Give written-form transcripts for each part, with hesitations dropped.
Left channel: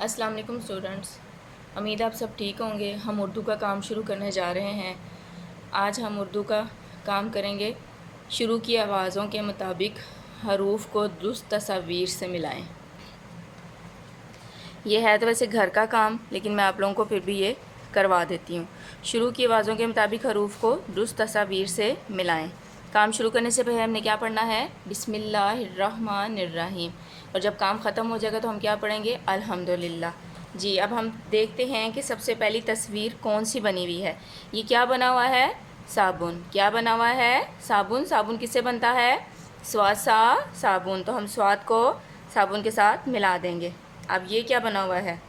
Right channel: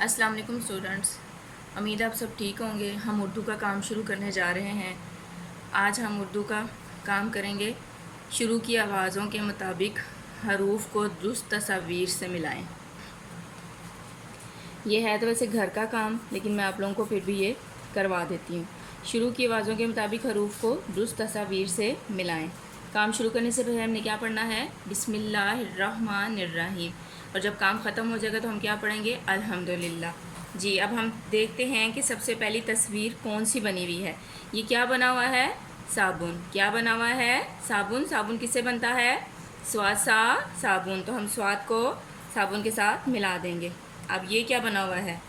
अस्सलाम वालेकुम स्टूडेंट्स। उम्मीद आप सब ठीक होंगे। हम उर्दू का काम शुरू करने जा रहे हैं। आज हम उर्दू का काम करेंगे। शुरू की आवाज़ों के मुताबिक हरूफ को दुरुस्त तस्वीर से मिलाएं। ये है तो वैसे घर का काम, लेकिन मैं आप लोगों को फिर भी ये करवा देती हूँ। शुरू की आवाज़ों के मुताबिक हरूफ को दुरुस्त तस्वीर से मिलाएं। काम शुरू करने से पहले हमने क्या पढ़ना है? बिस्मिल्लाहिर्रहमानिर्रहीम। और जब काम ख़त्म हो जाएगा तो हम क्या पढ़ेंगे? अल्हम्दुलिल्लाह। जी, अब हम देखते हैं कि सबसे पहली तस्वीर कौन सी बनी हुई है। ये क्या बना हुआ है? साबुन। क्या बना हुआ है? साबुन। साबुन किससे बनता है? स्वाद सा साबुन। तो हम स्वाद को साबुन के साथ मिला देंगे। अब ये क्या बना हुआ है?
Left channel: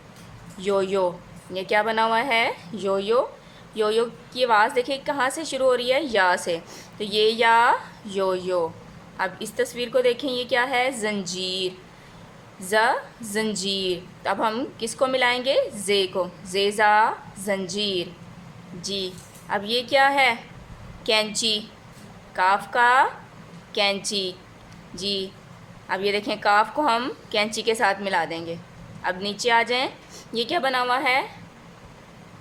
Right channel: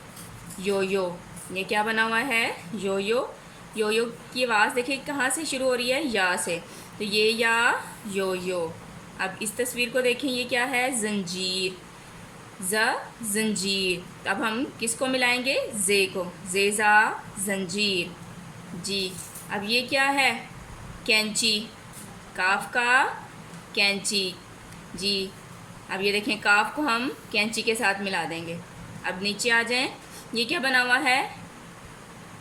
यो यो। ये क्या बना हुआ है? यो यो। यो यो की आवाज़ देखिए कहाँ से शुरू हो रही है? या से। तो ये या यो यो। अब इस तस्वीर को देखें, ये क्या है? जंजीर। जंजीर। तो अब हम किसको मिलाएंगे? जे को। जेजा जंजीर। जी। अब ये क्या है? कैंची। काफ का कैंची। जी। अब ये देखें, काफ को हम कैंची के साथ मिला देंगे। अब नीचे आ जाएं। ये क्या बना हुआ है?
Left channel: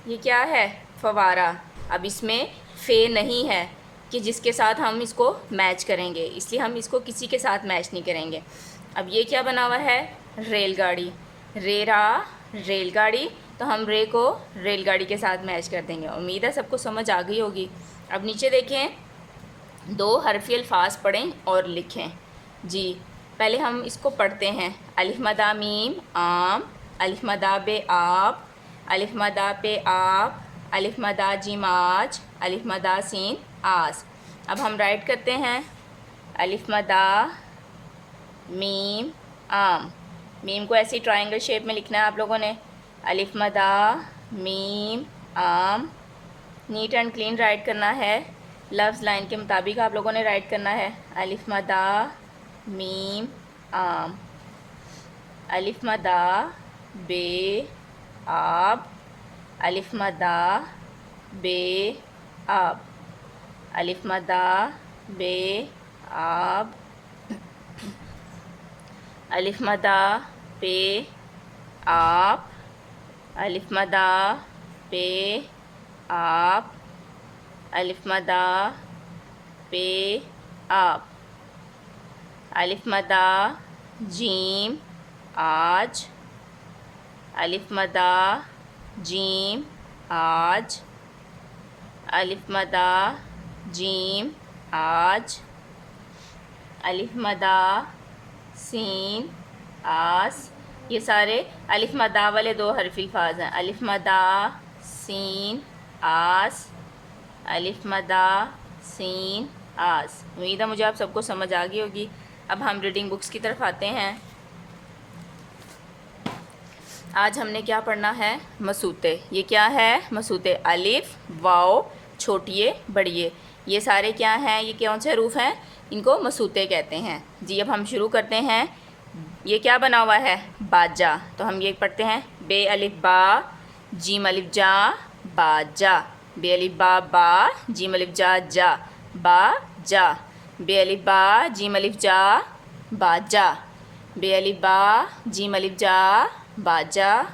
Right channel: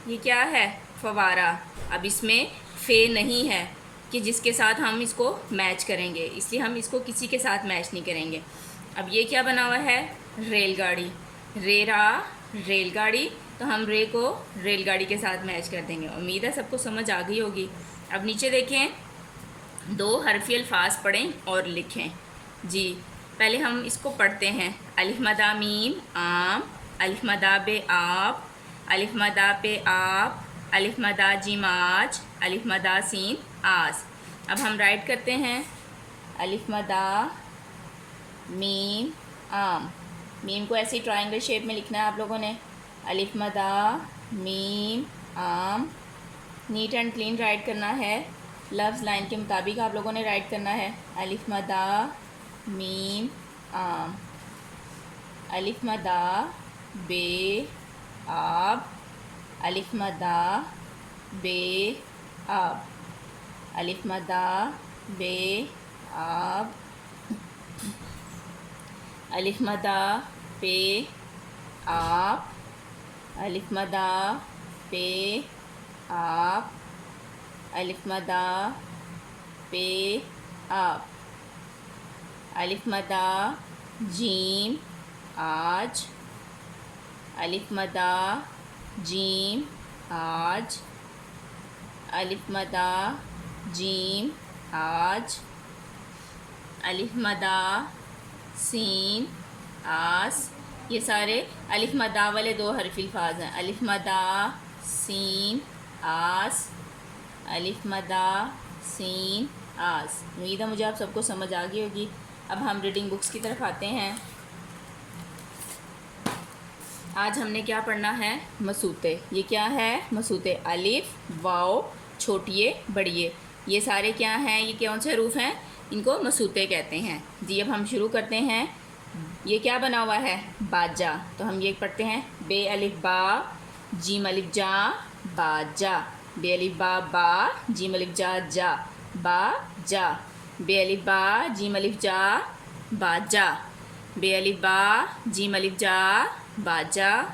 ये क्या है? फवारा। अब इसमें फे नहीं है कि जिसके साथ हम इसको मैच करेंगे, इसलिए हम इसको किसी के साथ मैच नहीं करेंगे। अब ये क्या बना हुआ है? रेलगाड़ी। रेरा रेलगाड़ी। तो हम रे को रेलगाड़ी के साथ मैच कर देंगे। उम्मीद है सबको समझ आ गई होगी। अब नीचे देखें, दो हरफी अल्फाज पढ़ें और लिखें। जी, पहले हम इसको पढ़ते हैं। अलिफ मदा मीम आम, अलिफ मदा बे आप, अलिफ मदा पे आप, अलिफ मदा जिम आज, अलिफ मदा सीन आस। अब हम राइट करते हैं। अलिफ मदा मीम आम। मीम को ऐसी ट्रायंगल शेप में लिखना है आप लोगों ने। अलिफ मदा मीम आम। नीट एंड क्लीन राइट करना है। लफ्ज़ लाइन के मुताबिक आप लोगों ने राइट करना है। अलिफ मदा मीम आम। अलिफ मदा बे आब, अलिफ मदा बे आब, अलिफ मदा बे आब, अलिफ मदा पे आप, अलिफ मदा पे आप, अलिफ मदा पे आप, अलिफ मदा जीम आज, अलिफ मदा जीम आज, अलिफ मदा जीम आज, अलिफ मदा सीन आस। ये सारे अलिफ मदा वाले दो हरफी अल्फाज हैं। अलिफ मदा सीन आस, अलिफ मदा सीन आस। उम्मीद है मुझे आप सबको समझ आ गई होगी। अब हम रीडिंग बुक्स की तरफ आते हैं। आज हमने क्या पढ़ना है? मसूते। ये क्या है? मसूते। अलिफ वाओ छोटिए बड़िए, ये सारे क्या हैं? ये कौन से हरूफ हैं? इनको मसूते कहते हैं। जी, अब हम शुरू करते हैं। ये क्या बना हुआ है? बाजा। तो हम ये पढ़ते हैं। बे अलिफ बा, जीम अलिफ जा, बाजा। बे अलिफ बा बा, जीम अलिफ जा जा, बाजा। बे अलिफ बा, जीम अलिफ जा, बाजा। बे अलिफ बा, जीम अलिफ जा, बाजा।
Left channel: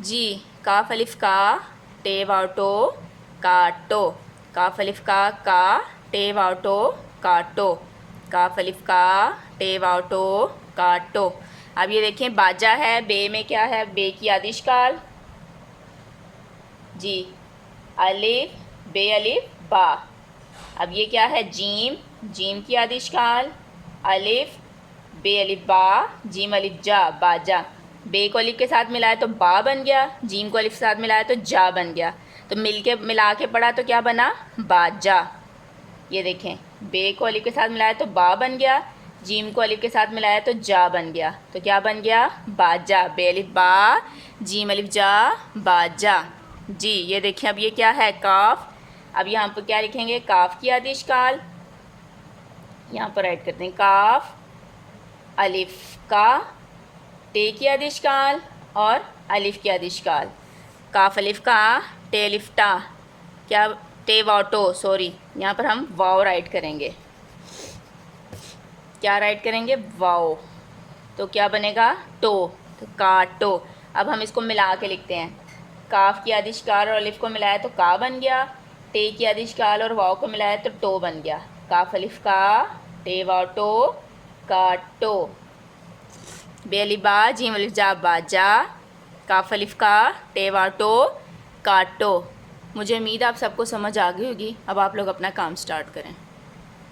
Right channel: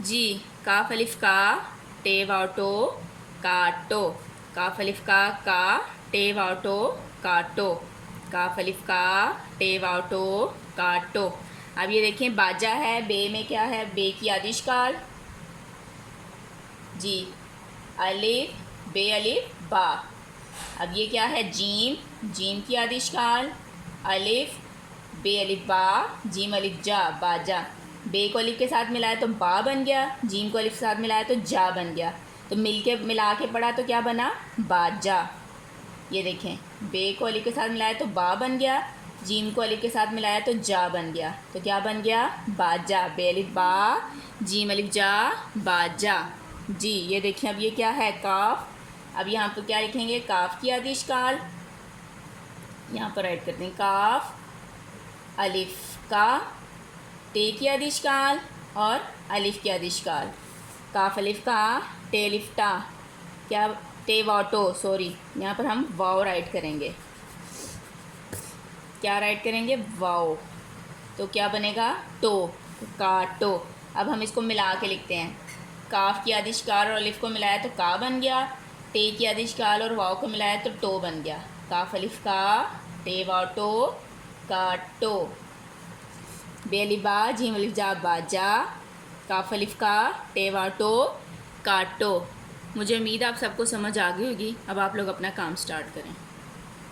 जी। काफ अलिफ का, टे वाटो काटो। काफ अलिफ का टे वाटो काटो। काफ अलिफ का टे वाटो काटो। अब ये देखें, बाजा है। बे में क्या है? बे की आदिशकाल। जी। अलिफ बे अलिफ बा। अब ये क्या है? जीम। जीम की आदिशकाल। अलिफ बे अलिफ बा, जीम अलिफ जा, बाजा। बे को अलिफ के साथ मिलाया तो बा बन गया, जीम को अलिफ के साथ मिलाया तो जा बन गया। तो मिला के पढ़ा तो क्या बना? बाजा। ये देखें, बे को अलिफ के साथ मिलाया तो बा बन गया, जीम को अलिफ के साथ मिलाया तो जा बन गया। तो क्या बन गया? बाजा। बे अलिफ बा, जीम अलिफ जा, बाजा। जी। ये देखें, अब ये क्या है? काफ। अब यहाँ पर क्या लिखेंगे? काफ की आदिशकाल। यहाँ पर राइट करते हैं। काफ अलिफ का, टे की आदिशकाल और अलिफ की आदिशकाल। काफ अलिफ का, टे अलिफ टा, क्या? टे वाटो, सॉरी, यहाँ पर हम वाओ राइट करेंगे। क्या राइट करेंगे? वाओ। तो क्या बनेगा? टो। तो काटो। अब हम इसको मिला के लिखते हैं। काफ की आदिशकाल और अलिफ को मिलाया तो का बन गया, टे की आदिशकाल और वाव को मिलाया तो टो बन गया। काफ अलिफ का, टे वाव टो, का टो। बे अलिफ बा, जीम अलिफ जा बाजा, काफ अलिफ का, टे वाव टो, काटो। मुझे उम्मीद आप सबको समझ आ गई होगी। अब आप लोग अपना काम स्टार्ट करें।